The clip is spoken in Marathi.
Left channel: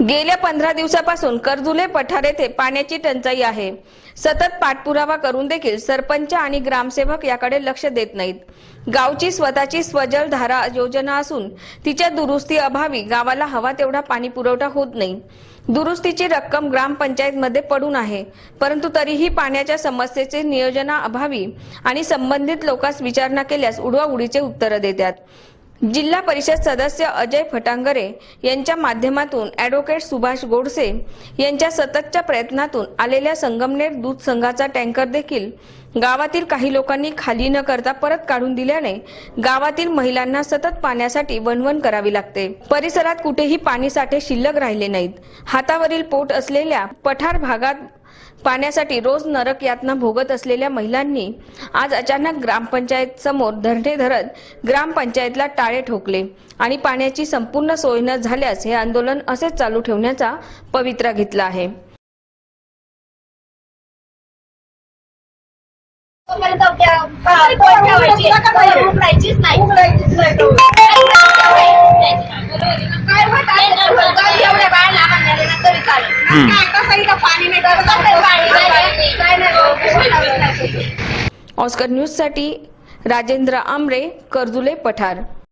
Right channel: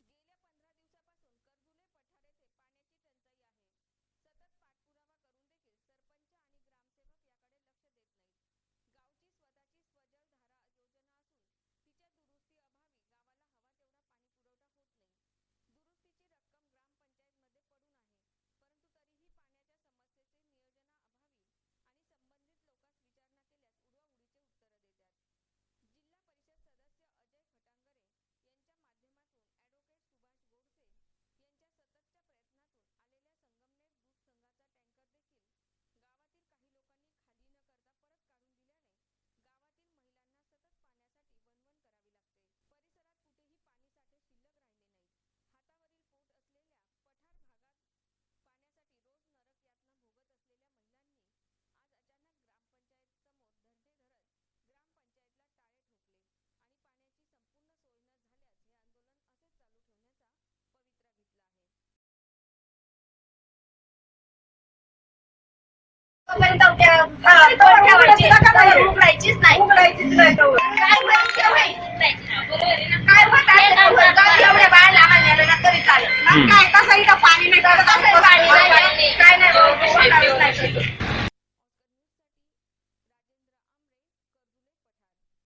गेल्या पंधरा दिवसापासून कर्जुले पठार येथे पाण्याची टंचाई आहे. सतत पाठपुरावा करून देखील सरपंच आणि ग्रामसेवक याकडे लक्ष देत नाहीत. गावची स्वतःची स्वजल धारा योजना असून तिच्या दुरुस्ती अभावी गावाला हवा तेवढा पाणी पुरवठा होत नाही. दुरुस्तीची रक्कम ग्रामपंचायतमध्ये पडून आहे. परंतु तरीही पाण्याच्या समस्येचे नियोजना अभावी आणि संबंधित लोकांस विचारणा केल्यास उडवाउडीचे उत्तर देतात. जिल्हा परिषद सदस्य अजय फटांगरे यांच्या माध्यमातून ॲडव्होकेट सुभाष गोडसे यांच्या सततच्या प्रयत्नातून आलेल्या संगमनेर दूध संघाचा टँकर देखील गावातील काही लोकांनी खाली न करता परत काढून दिल्याने गावातील महिलांना सतत पाण्यासाठी वणवण करावी लागते. परिसरात कुठेही पाणी साठे शिल्लक राहिले नाहीत. हातावरील पोट असलेल्या पठार भागात पाण्यासाठी रोज नरक यातना भोगत असलेल्या महिलांनी आज अचानक ग्रामपंचायत समोर धरणे धरत ग्रामपंचायतला टाळे ठोकले आणि पाण्याची संपूर्ण सोय न झाल्यास हे आंदोलन असेच चालू ठेवण्याचा पवित्रा घेतला आहे. काय पाणी नाही काय नाही ऑस्कर न्यूजसाठी राजेंद्र आमरे कर्जुले पठार.